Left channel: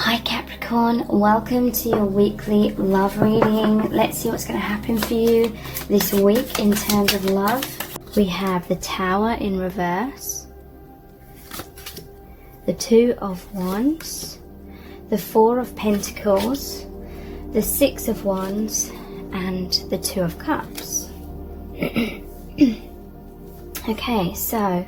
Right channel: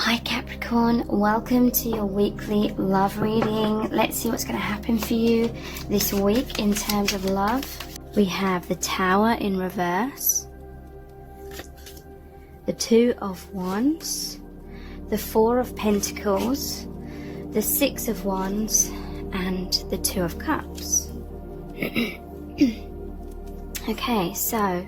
Hi Capricorn, welcome to your weekly love reading. Let's see what's going to happen for you this week in terms of love. We have the Tower in reverse, the Two of Wands, the Four of Pentacles, the Six of Wands, and the Two of Cups. Okay, so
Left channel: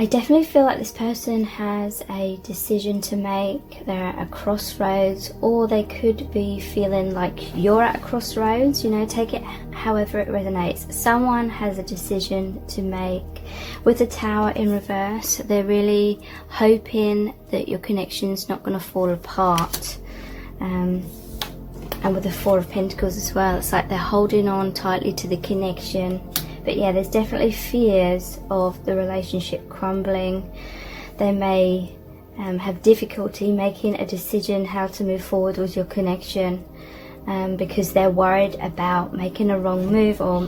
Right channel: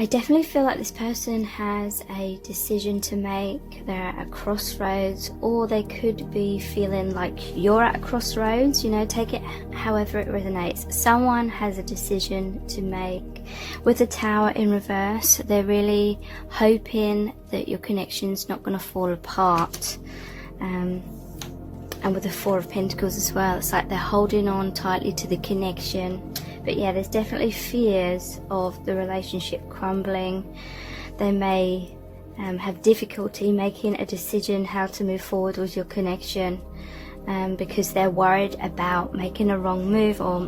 I definitely feel like this person has a decision to make. They're at a crossroads, or they could be feeling like you're at a crossroads. You know, take it however it resonates. Someone has a decision to make. With the Tower in reverse, they're really hoping that your connection's not going to fall apart. And with the Four of Pentacles as well, it's like they're holding on tightly to the connection. But yeah, there's definitely fears of the relationship crumbling. They may have difficulty making a decision how to move forward with your connection because they're worried about making a wrong move or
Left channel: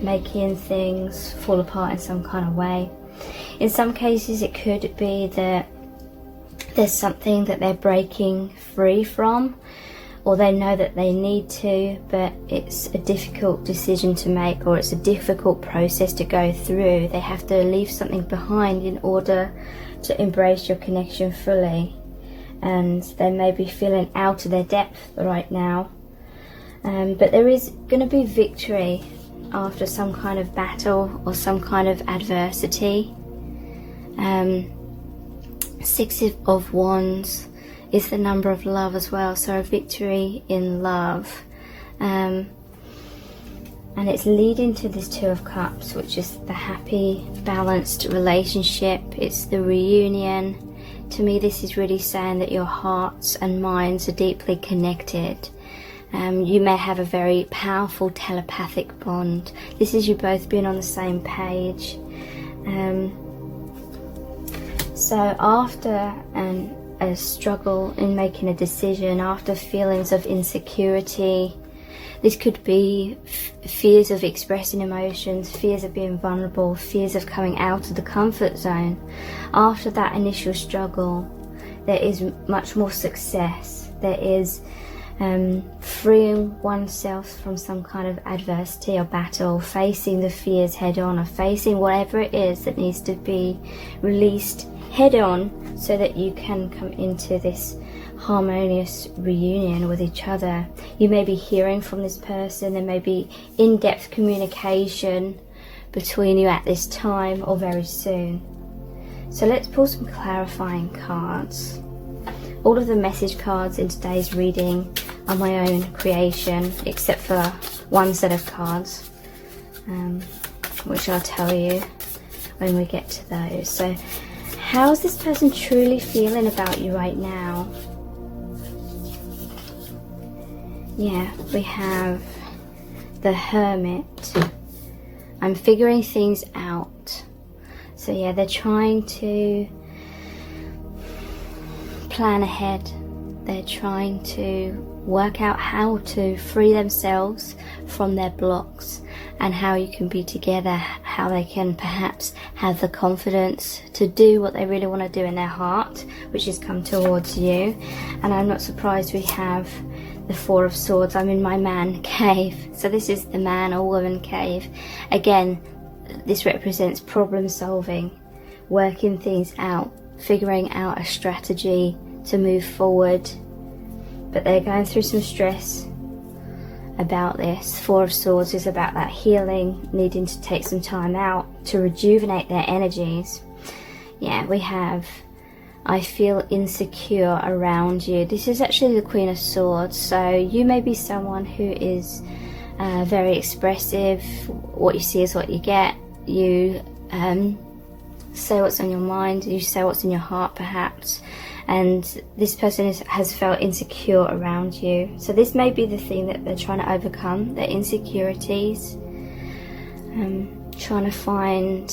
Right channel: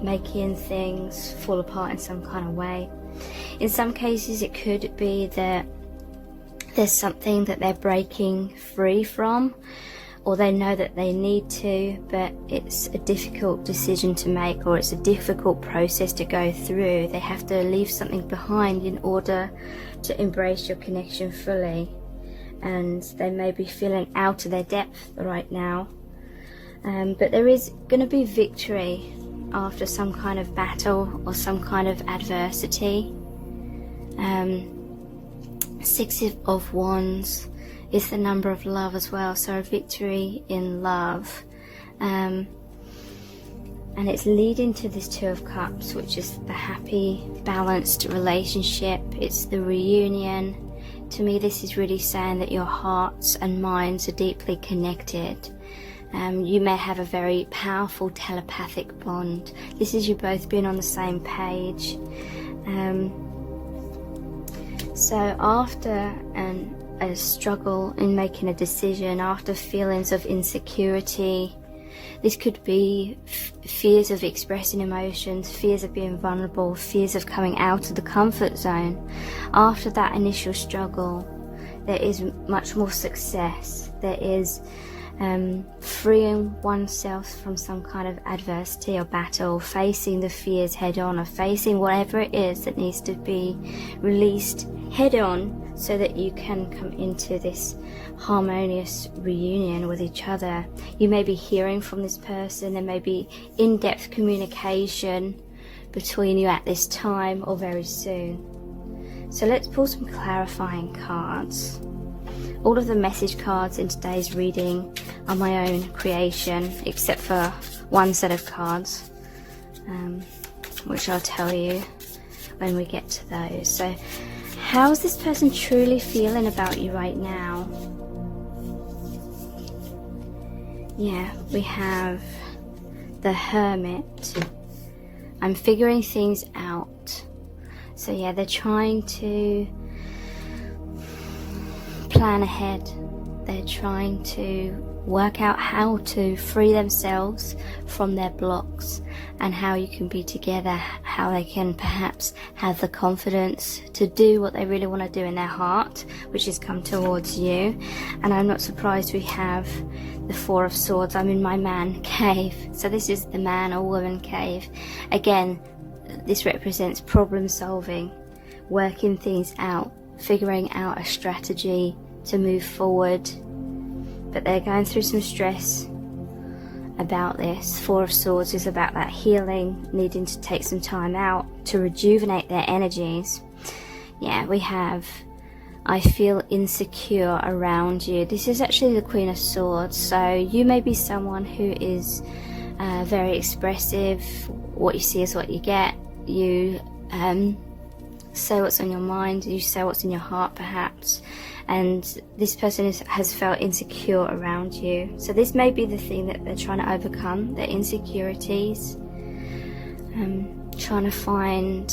making things fall apart in some kind of way. In some cases, it could be that there's something that they're breaking free from, or they know that they need to, but it's a difficult decision to make, or it's a difficult process to go through. They have to leave something behind in order to embrace your connection fully, and they may be feeling out of their depth right now. But there is going to be victory after some kind of battle or some kind of adversity. Six of Wands is the number of love as well, so a victory in love, and it's leading to this Two of Cups, which is the happy, balanced relationship. It's the reunion. To me, this is really saying that your hearts and minds are deeply connected. You may have a very powerful telepathic bond. This is you both being on the same page. So after a struggle in making a decision, after feelings of insecurity, this could be fears of expressing emotions, fears of being vulnerable, fears of coming out of the comfort zone. After that initial struggle, there is much more success. There is freeing oneself from some kind of adversity or battle, facing the fears head on, or facing whatever it is that needs to be released head on, so that you can come into this harmonious reunion with each other. You may be hearing from this person. There may be in-depth communication between you at this time or very soon. So let's pull some clarifying cards. All of the message cards in today's reading are my own creation, except for one set of cards, which I'll tell you when we get to those. So how's this person truly feeling about you right now? Yeah, we have the Hermit. I'm figuring things out. So yeah, they're trying to plan ahead. They're trying to work out how to free themselves from their blocks, and how you can be together, how they can perhaps have the confidence to do what they really want to do in their heart, which is come towards you. And I'm not surprised we have the Four of Swords. I'm in my man cave. So this is the man or woman cave. Again, this represents problem solving, working things out, figuring out a strategy to move forward. But they're going through some stress about this. Four of Swords is about that healing, needing to take some time out to rejuvenate their energies. Yeah, we have, I feel insecure around you. This is actually the Queen of Swords. So you may be someone who is very expressive. What you see is what you get. You say what's on your mind, you say what's in your heart perhaps, and this person has felt insecure around you. So this may be the thing that they're trying to overcome, their insecurities, trying to find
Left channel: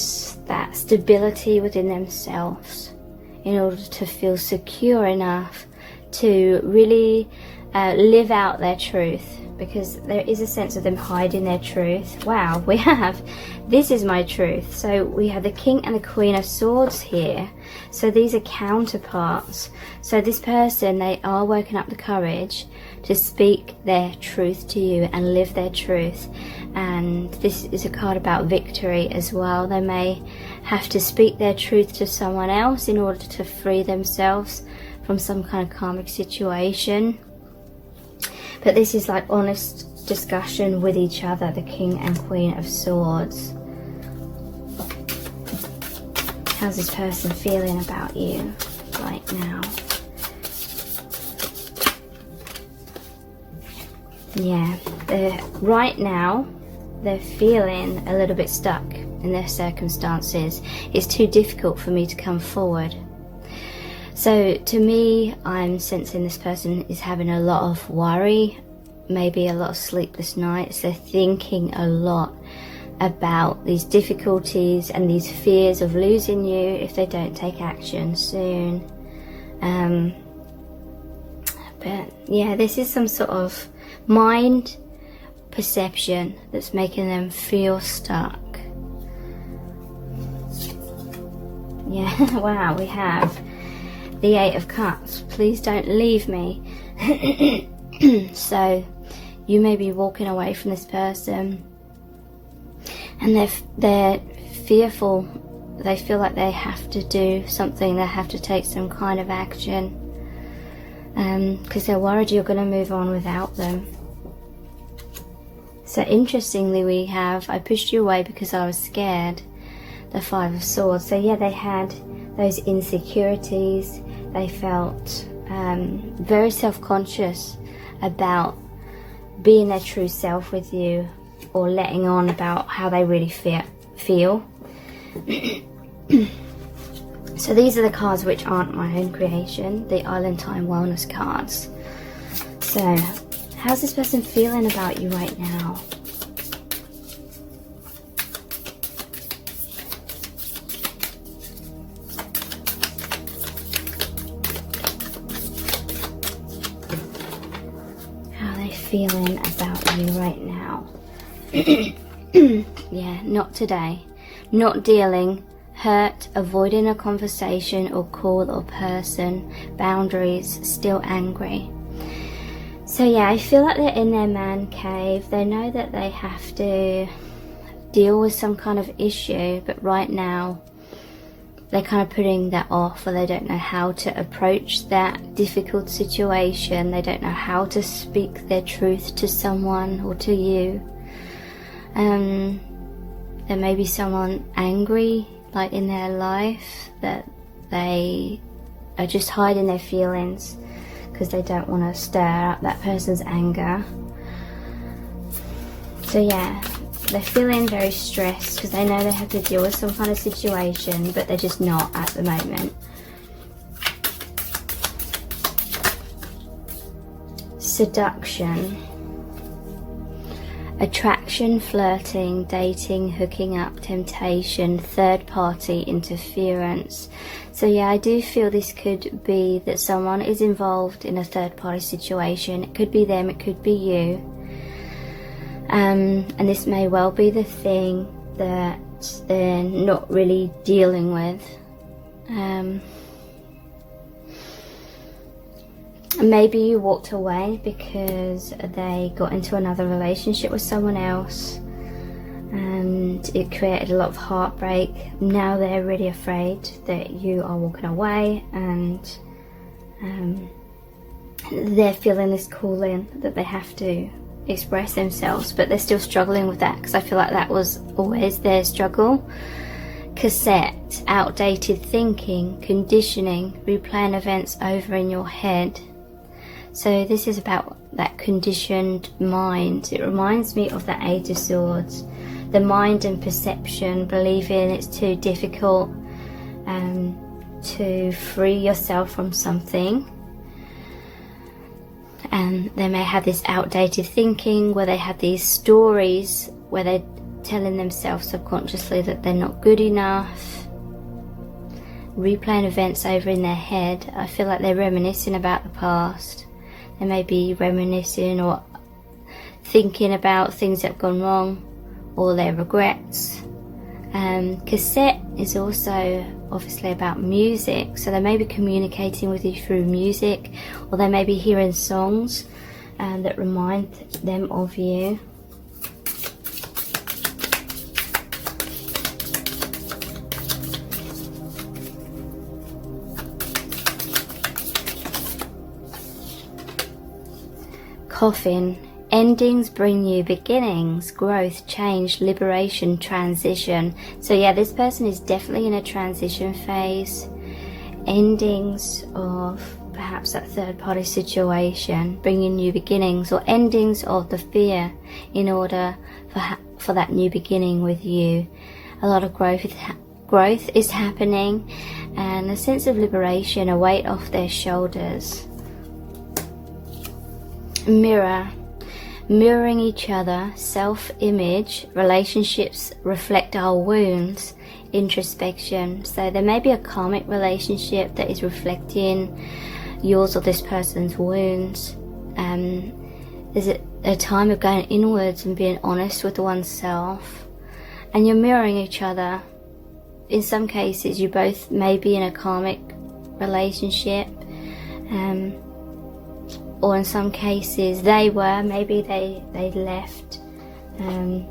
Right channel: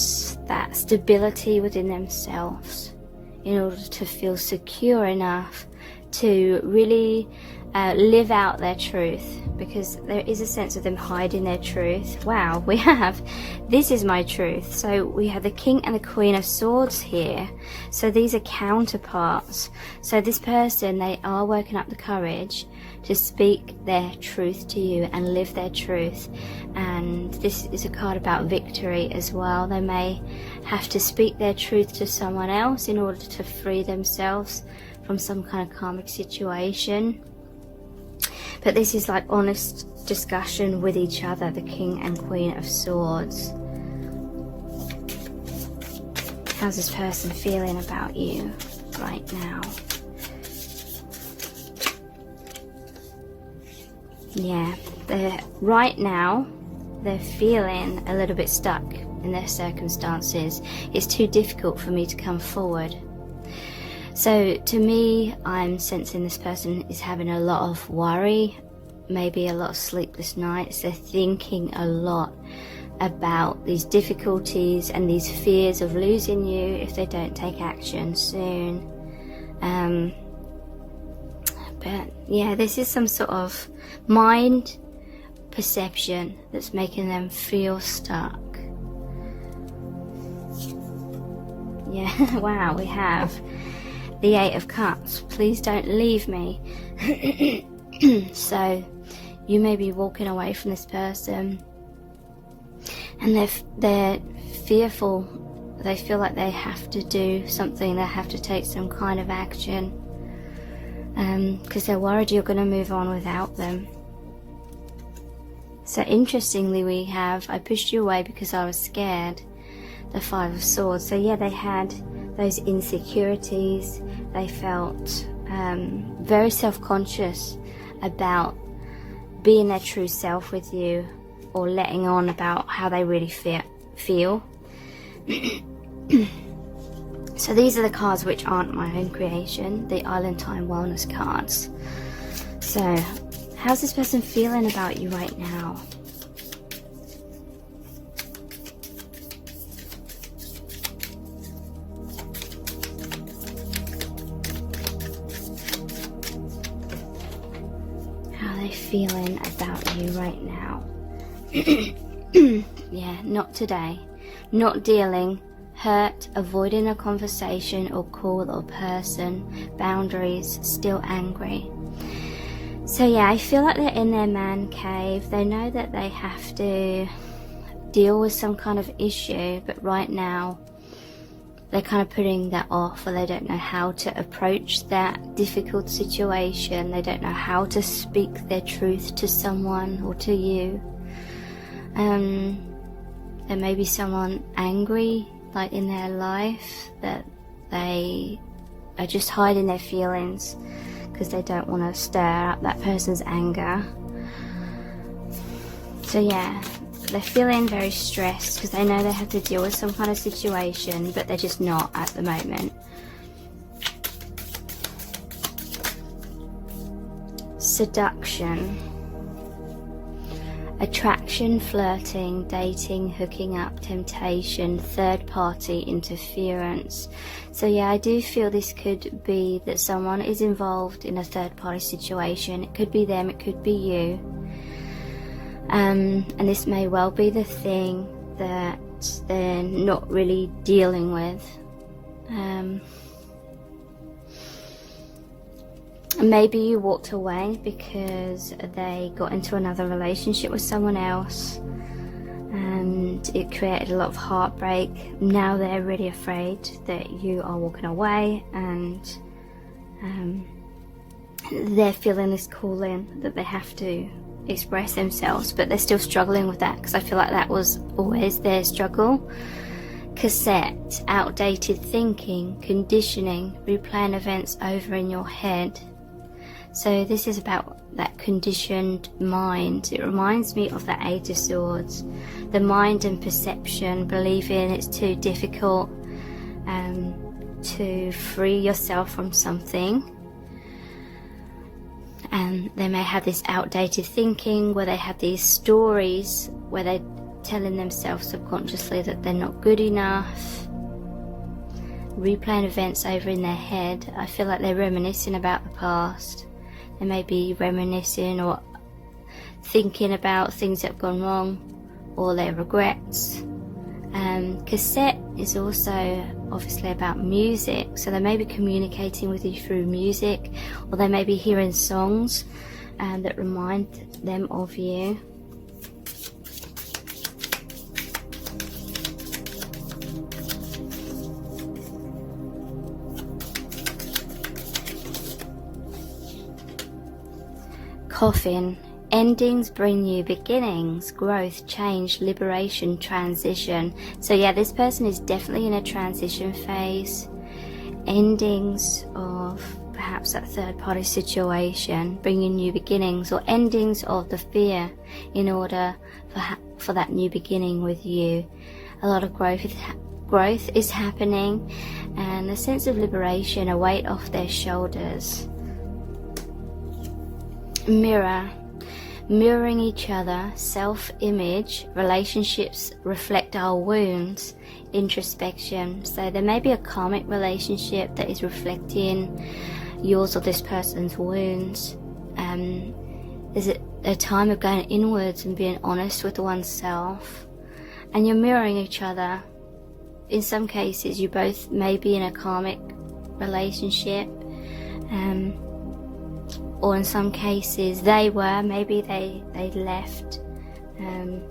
that stability within themselves in order to feel secure enough to really live out their truth, because there is a sense of them hiding their truth. Wow, we have, this is my truth. So we have the King and the Queen of Swords here. So these are counterparts. So this person, they are working up the courage to speak their truth to you and live their truth. And this is a card about victory as well. They may have to speak their truth to someone else in order to free themselves from some kind of karmic situation. But this is like honest discussion with each other, the King and Queen of Swords. How's this person feeling about you right now? Yeah, right now they're feeling a little bit stuck in their circumstances. It's too difficult for me to come forward. So to me, I'm sensing this person is having a lot of worry, maybe a lot of sleepless nights. They're thinking a lot about these difficulties and these fears of losing you if they don't take action soon. But yeah, this is some sort of mind perception that's making them feel stuck. Yeah, wow, we have the Eight of Cups. Please don't leave me. So you may be walking away from this person and they're fearful. They feel like they have to do something, they have to take some kind of action, because they're worried you're going to move on without them. So interestingly, we have, I pushed you away because I was scared, the Five of Swords. So yeah, they had those insecurities. They felt very self-conscious about being their true self with you, or letting on about how they really feel. So these are the cards which aren't my own creation, the Island Time Wellness cards. So how's this person feeling about you right now? How are they feeling about you right now? Yeah, not today. Not dealing, hurt, avoiding a conversation or call or person, boundaries, still angry. So yeah, I feel like they're in their man cave. They know that they have to deal with some kind of issue, but right now they're kind of putting that off, or they don't know how to approach that difficult situation. They don't know how to speak their truth to someone or to you. There may be someone angry, like in their life, that they are just hiding their feelings because they don't want to stir up that person's anger. So yeah, they're feeling very stressed because they know they have to deal with some kind of situation, but they're just not at the moment. Seduction. Attraction, flirting, dating, hooking up, temptation, third party interference. So yeah, I do feel this could be that someone is involved in a third party situation. It could be them, it could be you. And this may well be the thing that they're not really dealing with. Maybe you walked away because they got into another relationship with someone else and it created a lot of heartbreak. Now they're really afraid that you are walking away, and they're feeling this calling that they have to express themselves, but they're still struggling with that, because I feel like that was always their struggle. Cassette, outdated thinking, conditioning, replaying events over in your head. So this is about that conditioned mind. It reminds me of the Eight of Swords. The mind and perception, believing it's too difficult to free yourself from something. And they may have this outdated thinking where they have these stories where they're telling themselves subconsciously that they're not good enough. replaying events over in their head. I feel like they're reminiscing about the past. They may be reminiscing or thinking about things that have gone wrong, or their regrets. Cassette is also obviously about music, so they may be communicating with you through music, or they may be hearing songs that remind them of you. Coffin. Endings bring new beginnings, growth, change, liberation, transition. So yeah, this person is definitely in a transition phase. Endings of perhaps that third party situation, bringing new beginnings, or endings of the fear in order for that new beginning with you. A lot of growth is happening, and a sense of liberation, a weight off their shoulders. Mirror. Mirroring each other, self-image, relationships reflect our wounds, introspection. So there may be a karmic relationship that is reflecting yours or this person's wounds. There's a time of going inwards and being honest with oneself. And you're mirroring each other. In some cases, you both may be in a karmic relationship. Or in some cases maybe they left, and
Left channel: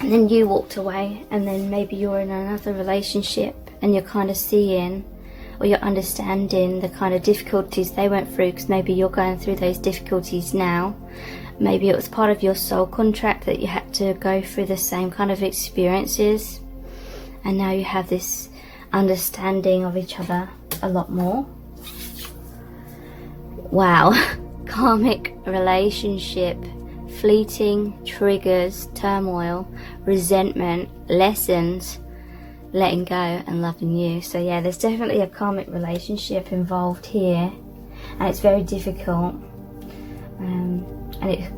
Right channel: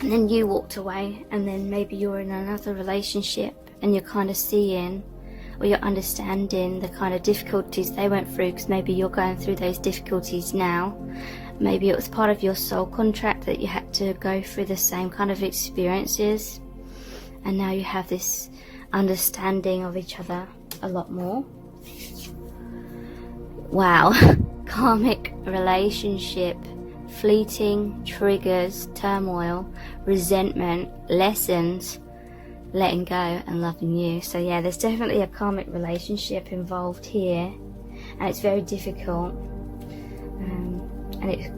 then you walked away, and then maybe you're in another relationship and you're kind of seeing, or you're understanding the kind of difficulties they went through, because maybe you're going through those difficulties now. Maybe it was part of your soul contract that you had to go through the same kind of experiences, and now you have this understanding of each other a lot more. Wow. Karmic relationship, fleeting triggers, turmoil, resentment, lessons, letting go and loving you. So yeah, there's definitely a karmic relationship involved here, and it's very difficult, and it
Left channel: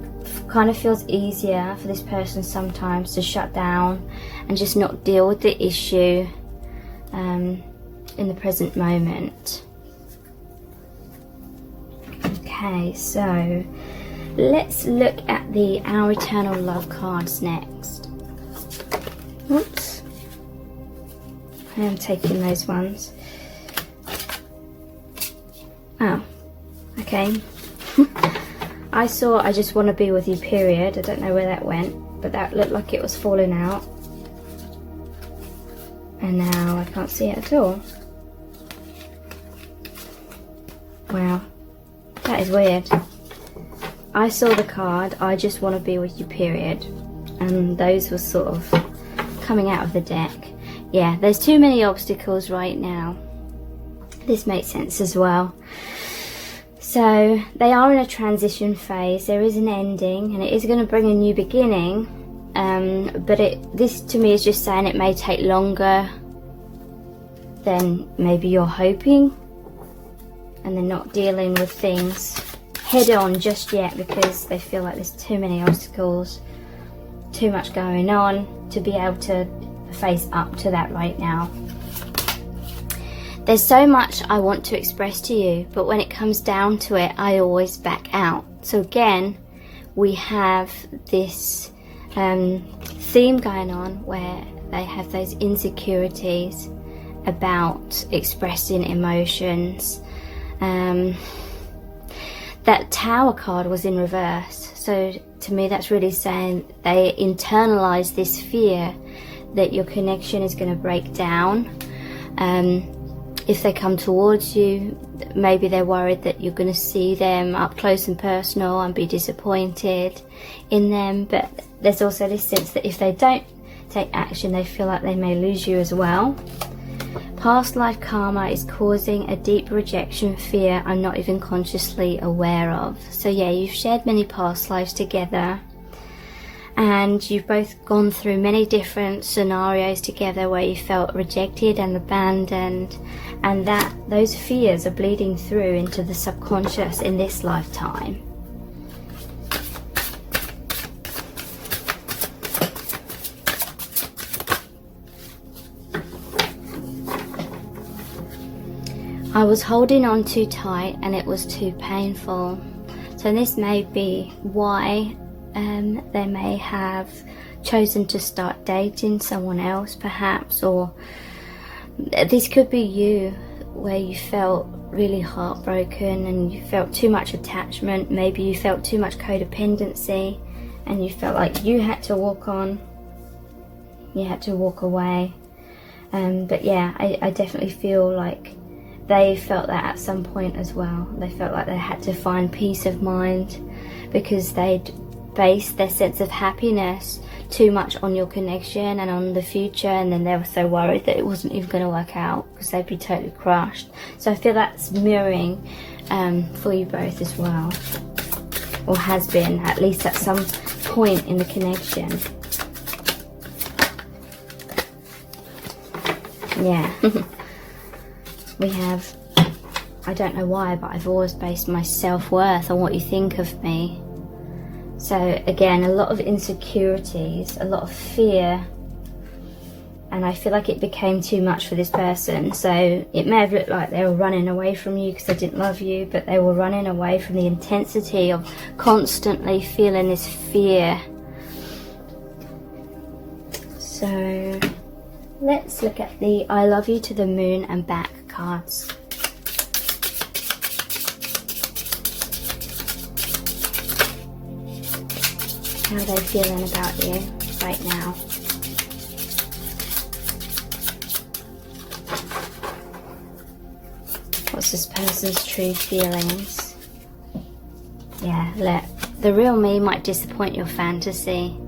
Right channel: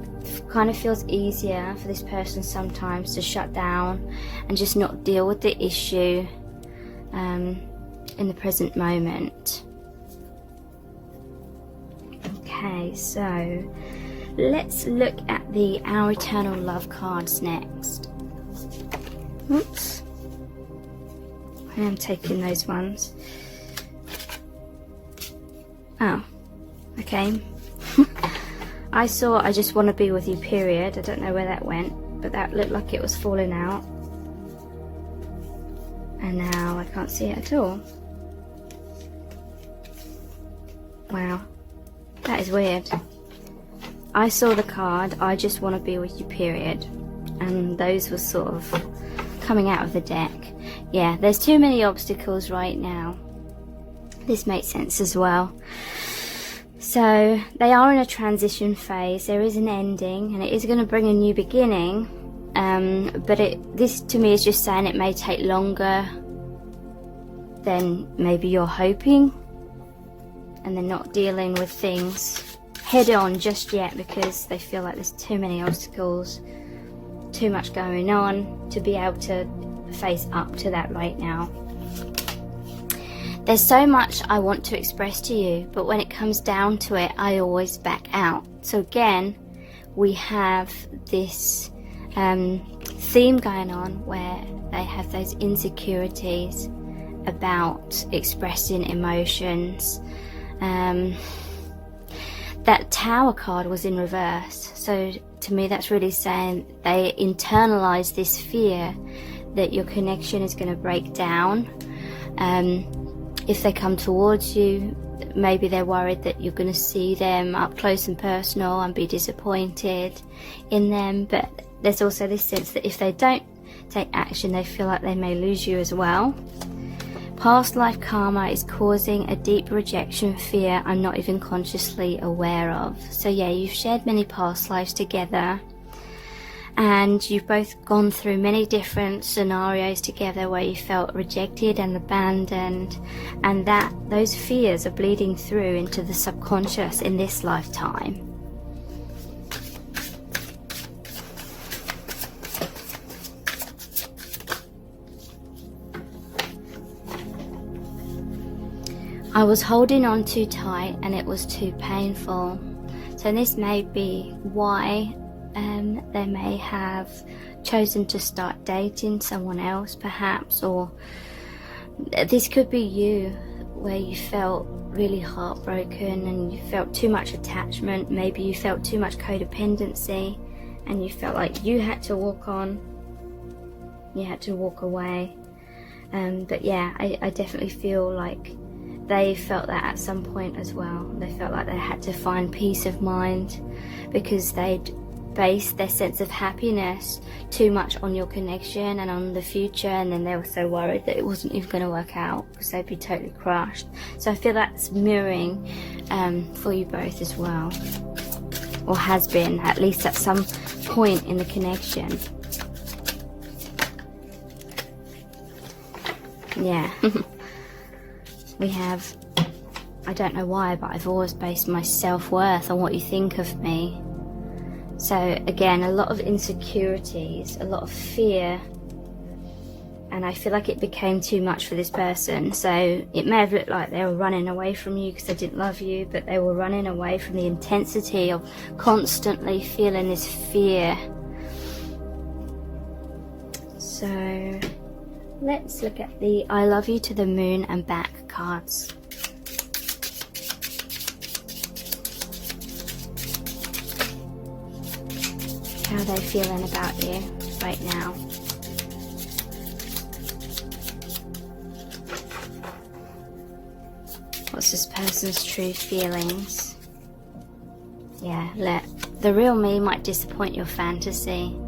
kind of feels easier for this person sometimes to shut down and just not deal with the issue in the present moment. Okay, so let's look at our eternal love cards next. Oops, I am taking those ones. Oh, okay. I saw I just want to be with you, period. I don't know where that went, but that looked like it was falling out. And now I can't see it at all. Wow. That is weird. I saw the card, I just want to be with you, period. And those were sort of coming out of the deck. Yeah, there's too many obstacles right now. This makes sense as well. So, they are in a transition phase. There is an ending, and it is going to bring a new beginning. But this to me is just saying it may take longer than maybe you're hoping. And they're not dealing with things head on just yet because they feel like there's too many obstacles, too much going on to be able to face up to that right now. There's so much I want to express to you, but when it comes down to it, I always back out. So again, we have this theme going on where they have those insecurities about expressing emotions. That Tower card was in reverse, so to me that's really saying they internalize this fear that your connection is going to break down. If they come towards you, maybe they're worried that you're going to see them up close and personal and be disappointed in them, but there's also this sense that if they don't take action, they feel like they may lose you as well. Past life karma is causing a deep rejection fear I'm not even consciously aware of. So yeah, you've shared many past lives together, and you've both gone through many different scenarios together where you felt rejected and abandoned, and that those fears are bleeding through into the subconscious in this lifetime. I was holding on too tight and it was too painful. So this may be why they may have chosen to start dating someone else perhaps, or this could be you where you felt really heartbroken and you felt too much attachment. Maybe you felt too much codependency and you felt like you had to walk on, you had to walk away. But yeah, I definitely feel like they felt that at some point as well. They felt like they had to find peace of mind because they'd based their sense of happiness too much on your connection and on the future, and then they were so worried that it wasn't even going to work out because they'd be totally crushed. So I feel that's mirroring for you both as well, or has been, at least at some point in the connection. Yeah. We have, I don't know why, but I've always based my self-worth on what you think of me. So again, a lot of insecurities, a lot of fear, and I feel like it became too much for this person. So it may have looked like they were running away from you because they didn't love you, but they were running away from the intensity of constantly feeling this fear. So let's look at the I love you to the moon and back cards. How are they feeling about you right now? What's this person's true feelings? Yeah, look, the real me might disappoint your fantasy.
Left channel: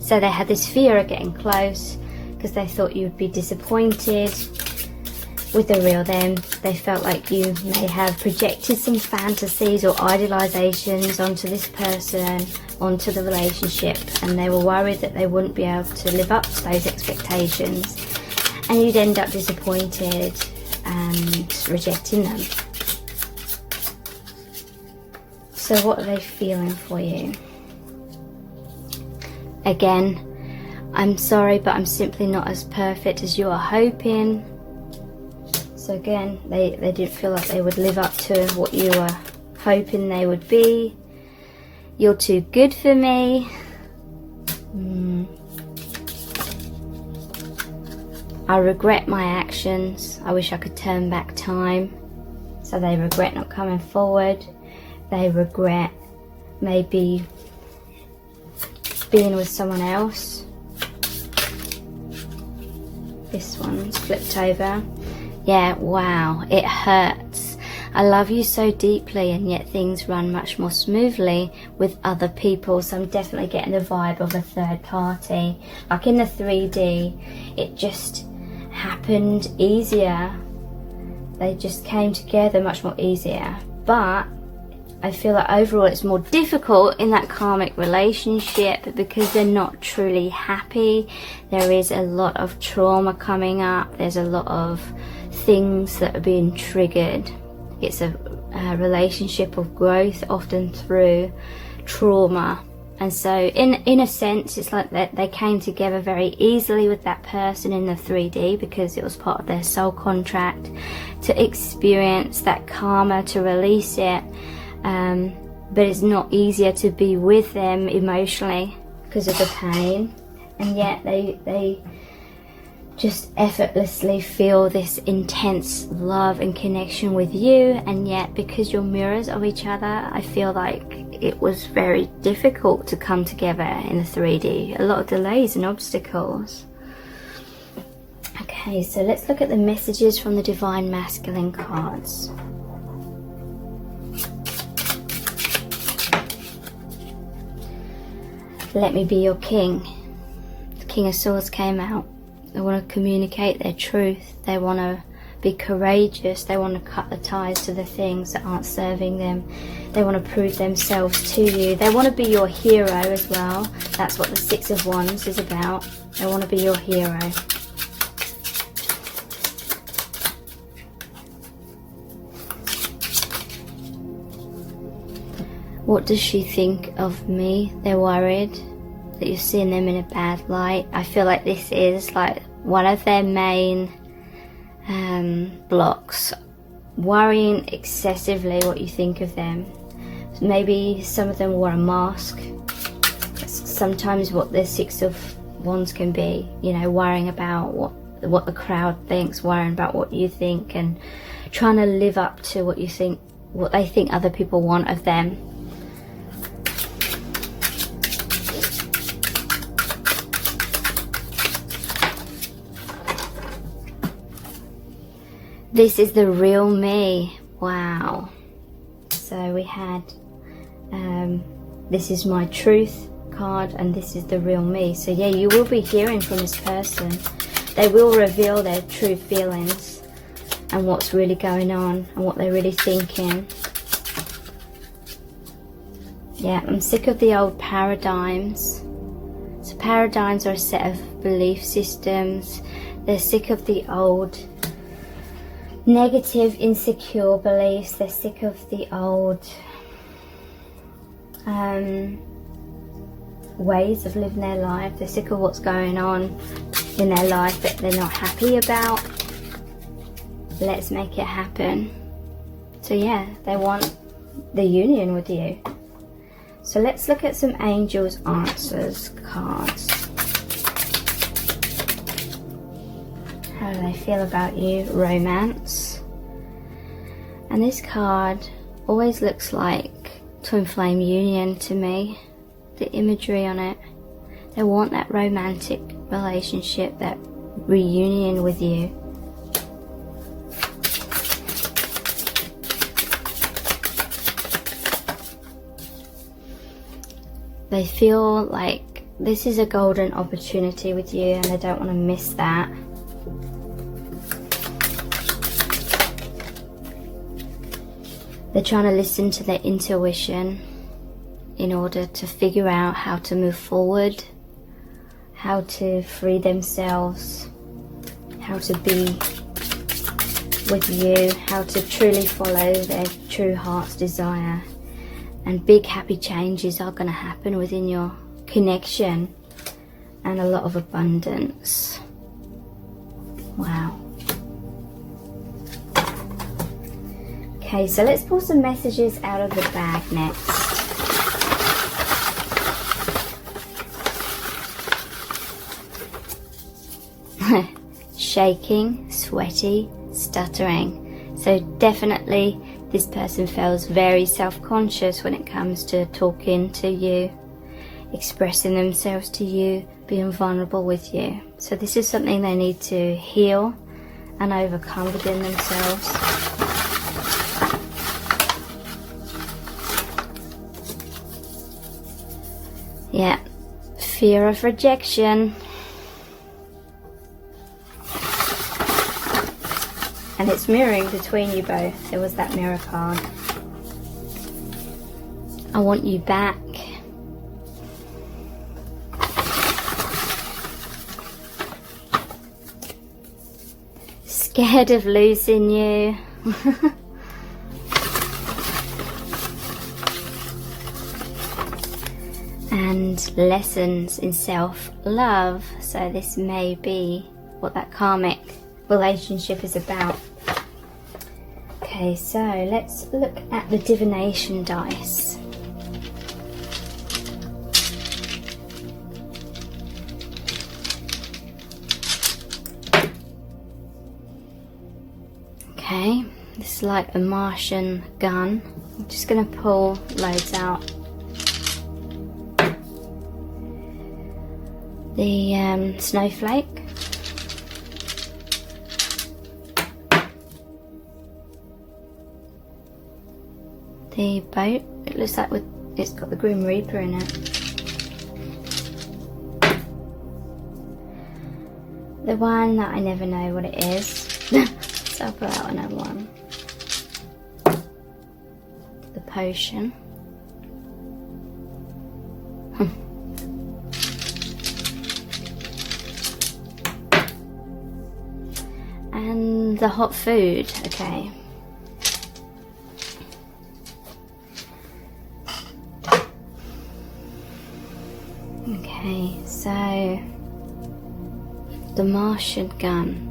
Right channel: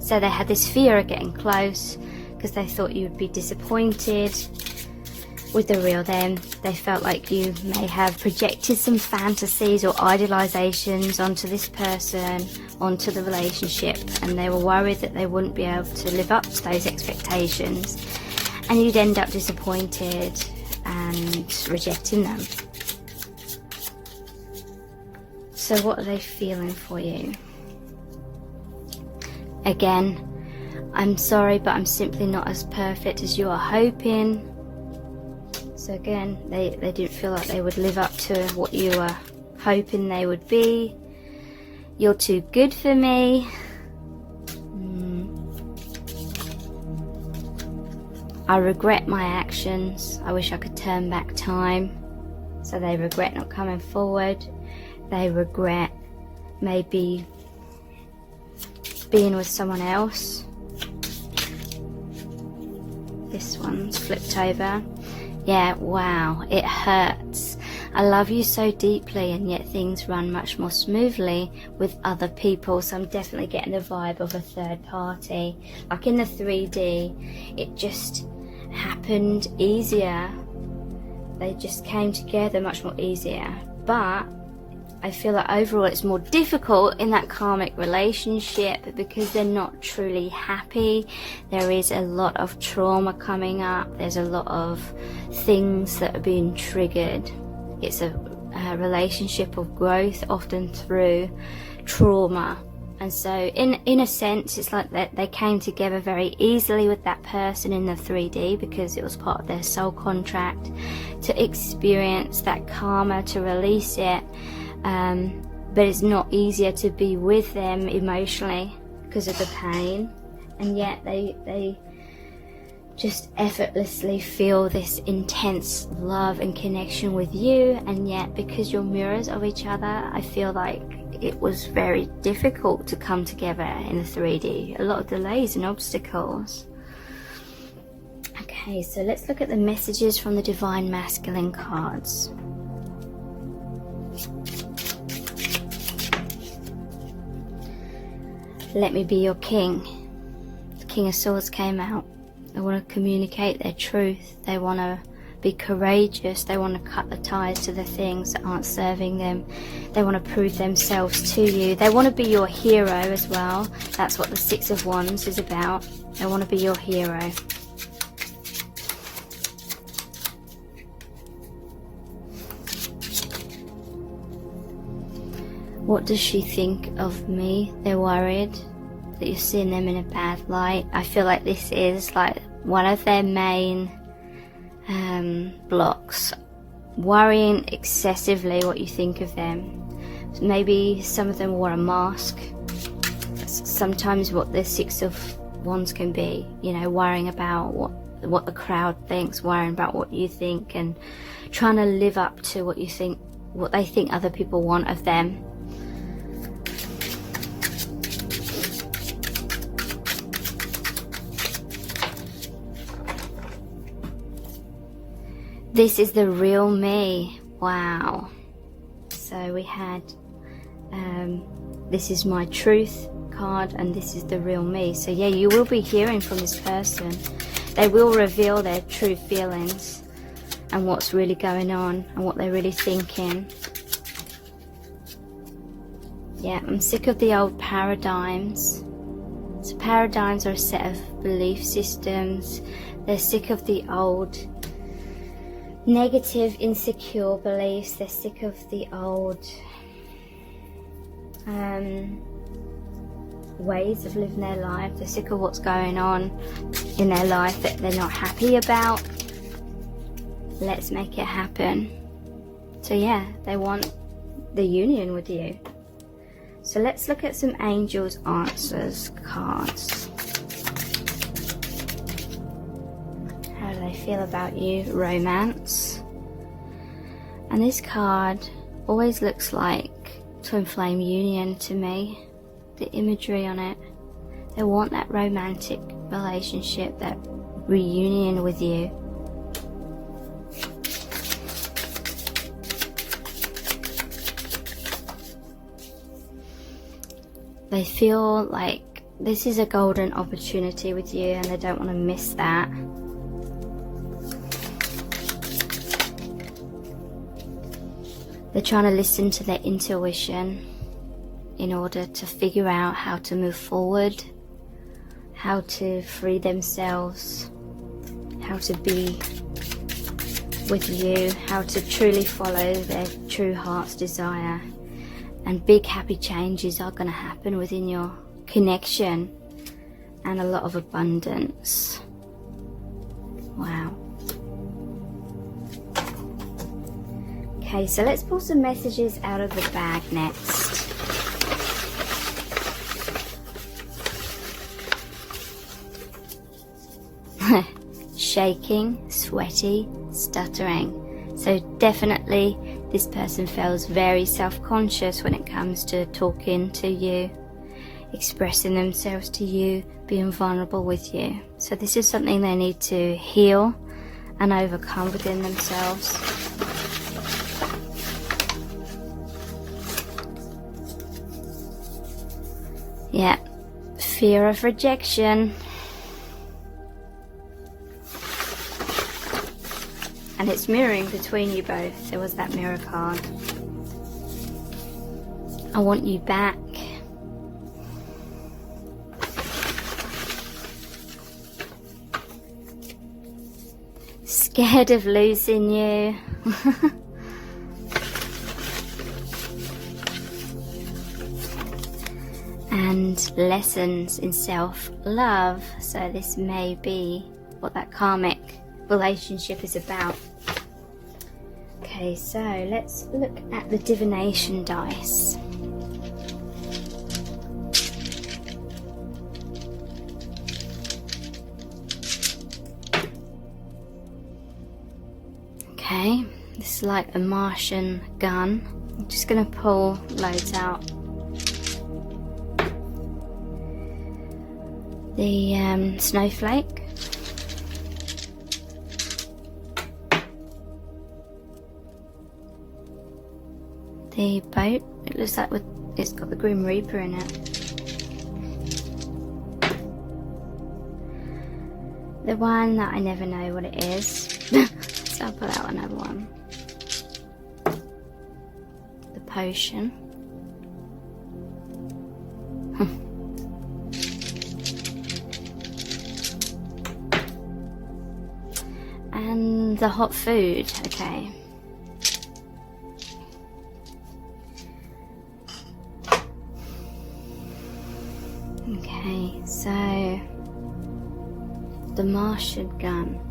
So they had this fear of getting close because they thought you would be disappointed with the real them. They felt like you may have projected some fantasies or idealizations onto this person, onto the relationship, and they were worried that they wouldn't be able to live up to those expectations, and you'd end up disappointed and rejecting them. So what are they feeling for you? Again, I'm sorry, but I'm simply not as perfect as you are hoping. So again, they didn't feel like they would live up to what you were hoping they would be. You're too good for me. I regret my actions. I wish I could turn back time. So they regret not coming forward. They regret maybe being with someone else. This one's flipped over. Yeah, wow, it hurts. I love you so deeply, and yet things run much more smoothly with other people. So I'm definitely getting the vibe of a third party. Like in the 3D, it just happened easier. They just came together much more easier. But I feel like overall it's more difficult in that karmic relationship because they're not truly happy. There is a lot of trauma coming up. There's a lot of things that are being triggered. It's a relationship of growth, often through trauma. And so in a sense, it's like that they came together very easily with that person in the 3D because it was part of their soul contract to experience that karma, to release it. But it's not easier to be with them emotionally because of the pain. And yet they just effortlessly feel this intense love and connection with you, and yet because you're mirrors of each other, I feel like it was very difficult to come together in the 3D. A lot of delays and obstacles. Okay, so let's look at the messages from the Divine Masculine cards. Let me be your king. The King of Swords came out. They want to communicate their truth. They want to be courageous. They want to cut the ties to the things that aren't serving them. They want to prove themselves to you. They want to be your hero as well. That's what the Six of Wands is about. They want to be your hero. What does she think of me? They're worried that you're seeing them in a bad light. I feel like this is like one of their main blocks worrying excessively what you think of them. Maybe some of them wore a mask. That's sometimes what the Six of Wands can be, you know, worrying about what the crowd thinks, worrying about what you think, and trying to live up to what you think, what they think other people want of them. This is the real me. Wow. So we had this is my truth card, and this is the real me. So yeah, you will be hearing from this person. They will reveal their true feelings and what's really going on and what they're really thinking. Yeah, I'm sick of the old paradigms. So paradigms are a set of belief systems. They're sick of the old negative, insecure beliefs. They're sick of the old ways of living their life. They're sick of what's going on in their life that they're not happy about. Let's make it happen. So yeah, they want the union with you. So let's look at some angels answers cards. How do they feel about you? Romance. And this card always looks like twin flame union to me. The imagery on it. They want that romantic relationship, that reunion with you. They feel like this is a golden opportunity with you and they don't want to miss that. They're trying to listen to their intuition in order to figure out how to move forward, how to free themselves, how to be with you, how to truly follow their true heart's desire. And big happy changes are going to happen within your connection, and a lot of abundance. Wow. Okay, so let's pull some messages out of the bag next. Shaking, sweaty, stuttering. So definitely this person feels very self-conscious when it comes to talking to you, expressing themselves to you, being vulnerable with you. So this is something they need to heal and overcome within themselves. Yeah, fear of rejection. And it's mirroring between you both. There was that mirror card. I want you back. Scared of losing you. And lessons in self-love. So this may be what that karmic relationship is about. Okay, so let's look at the divination dice. Okay, this is like a Martian gun. I'm just going to pull loads out. The snowflake. The boat, it looks like it's got the Grim Reaper in it. The one that I never know what it is. So I'll pull out another one. The potion. And the hot food, okay. Okay, so the Martian gun.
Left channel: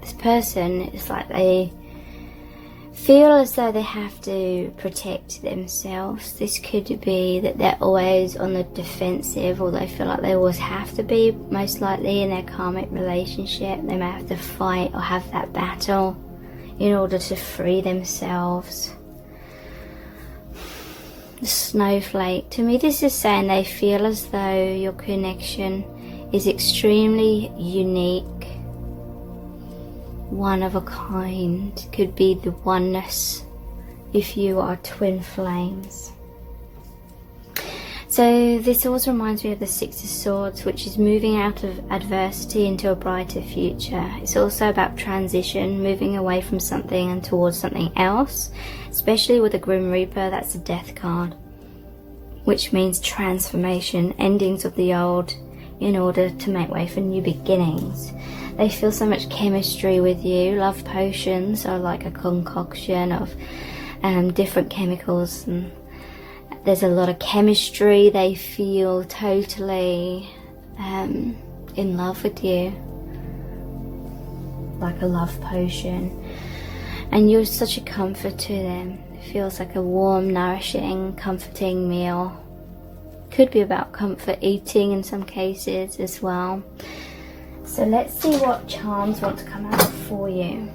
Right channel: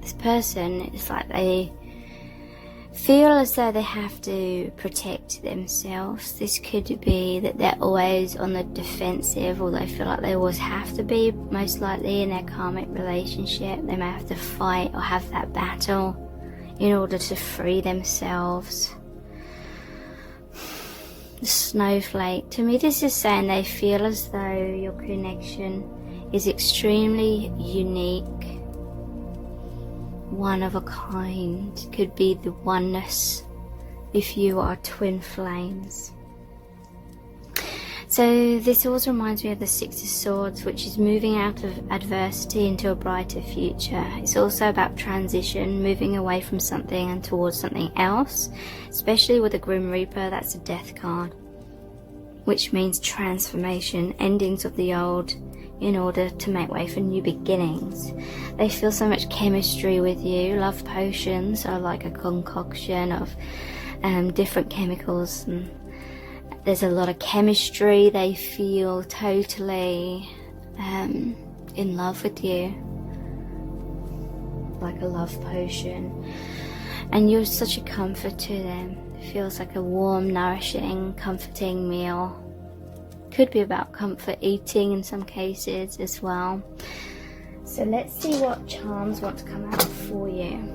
This person, it's like they feel as though they have to protect themselves. This could be that they're always on the defensive, or they feel like they always have to be, most likely in their karmic relationship. They may have to fight or have that battle in order to free themselves. The snowflake. To me, this is saying they feel as though your connection is extremely unique, one of a kind. Could be the oneness if you are twin flames. So this also reminds me of the Six of Swords, which is moving out of adversity into a brighter future. It's also about transition, moving away from something and towards something else, especially with the Grim Reaper. That's a death card, which means transformation, endings of the old in order to make way for new beginnings. They feel so much chemistry with you. Love potions are like a concoction of different chemicals, and there's a lot of chemistry. They feel totally in love with you, like a love potion, and you're such a comfort to them. It feels like a warm, nourishing, comforting meal. Could be about comfort eating in some cases as well. So let's see what charms want to come out for you.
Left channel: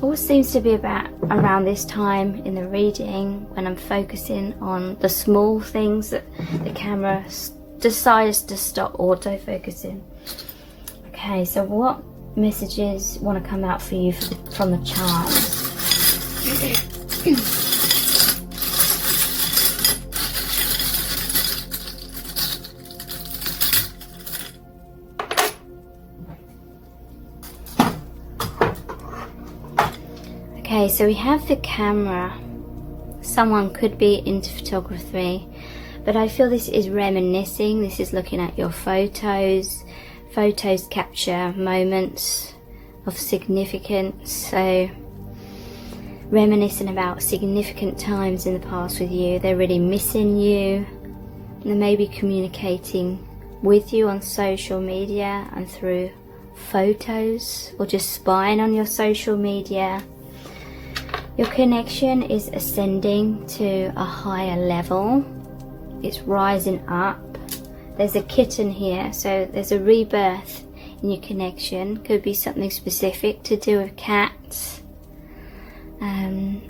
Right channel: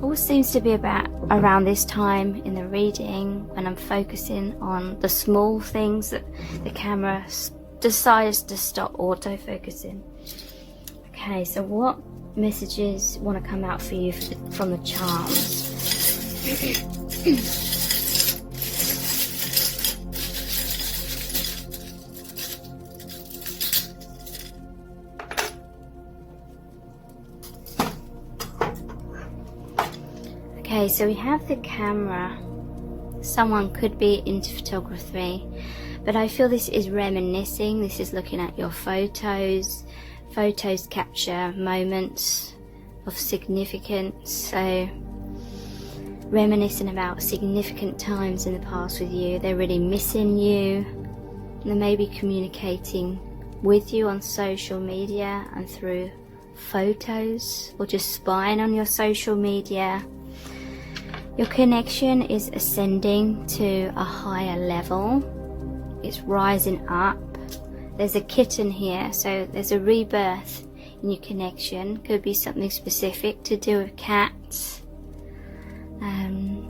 All seems to be about around this time in the reading, when I'm focusing on the small things that the camera decides to stop auto-focusing. Okay, so what messages want to come out for you from the charms? Okay, so we have the camera. Someone could be into photography, but I feel this is reminiscing. This is looking at your photos. Photos capture moments of significance, so reminiscing about significant times in the past with you. They're really missing you. They may be communicating with you on social media and through photos, or just spying on your social media. Your connection is ascending to a higher level. It's rising up. There's a kitten here, so there's a rebirth in your connection. Could be something specific to do with cats.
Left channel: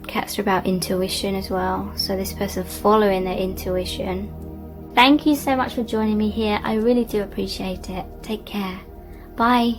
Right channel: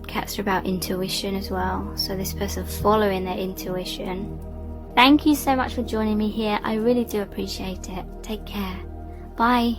Cats are about intuition as well, so this person's following their intuition. Thank you so much for joining me here. I really do appreciate it. Take care. Bye.